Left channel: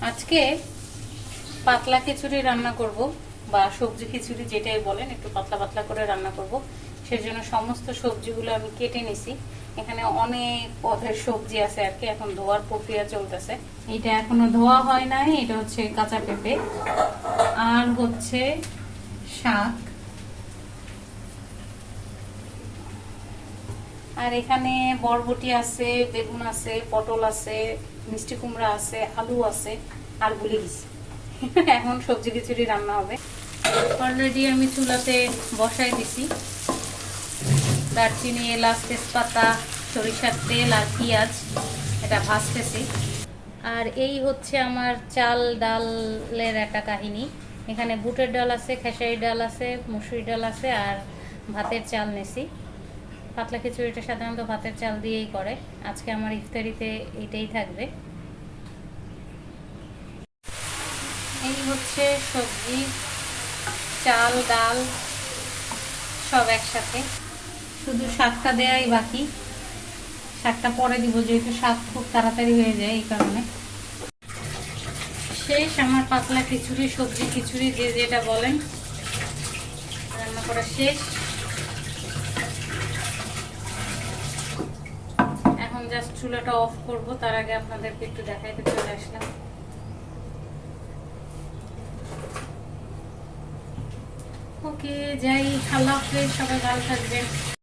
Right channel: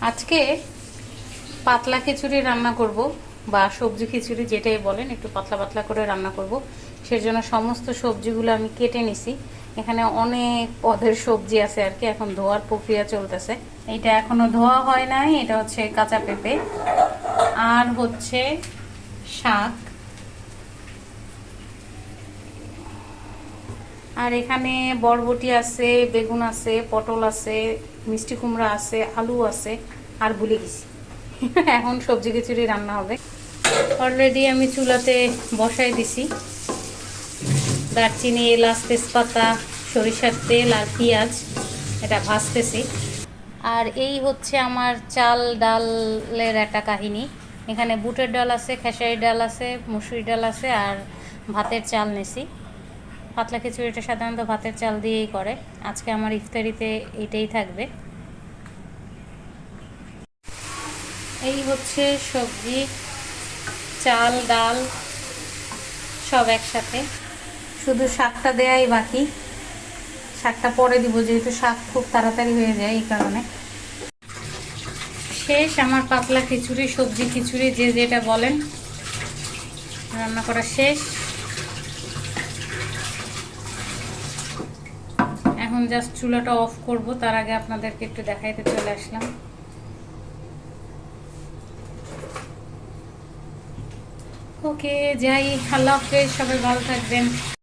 আজকে পাতলা খিচুড়ি রান্না করব বা সবজি খিচুড়ি যেটাই বলেন, একটু পাতলা পাতলা করে রান্না করব। সেজন্য সমস্ত সবজিগুলো আমি কেটে নিছি। এখানে অনেক পদের সবজি আছে আর কি, এখন ধোয়ার প্রক্রিয়া চলতেছে। এটা এখনও ধোয়া হয় নাই, এটা হচ্ছে কাঁচা পেঁপে। আর হচ্ছে শাক। আর এখানে বরবটি আছে, বেগুন আছে, পটল আছে, মিষ্টি কুমড়া আছে, আলু আছে, আর ভুলে গেছি। এখন সবজি খিচুড়ি রান্না হবে। অলরেডি আমি চুলাতে বসাই দিছি। দারচিনি, এলাচ, তেজপাতা, সরিষার তেল আর পেঁয়াজ, এটা ভাজতেছি। আর এই হচ্ছে আমার চাল ডালের একটা কাহিনী। এখানে বুটের ডাল আছে খেসারি ডাল আছে মুসুরি ডাল আছে, আর ভাতের চাল নেছি। পাতলা খিচুড়িটা সাধারণত ভাতের চাল দিয়েই করে। আজকে আমার ইফতারিতে এটাই থাকবে। এই হচ্ছে সবজি, চাল, ডাল, সব একসাথে। শুধু শাকটা দেয়াই বাকি। শাকটা পরে দিব, যেহেতু শাক খুব তাড়াতাড়ি হয়ে যায় এই কারণে। শেষ আমার পাতলা খিচুড়ি, সবজি খিচুড়ি, যে যেটা বলেন। রান্না করা শেষ এখন জাস্ট চুলাটা অফ করব, তার আগে আপনাদেরকে একটু দেখাইতে চলে আসলাম। ওকে, যাই, আল্লাহ হাফেজ, সবাই ভালো থাকবেন।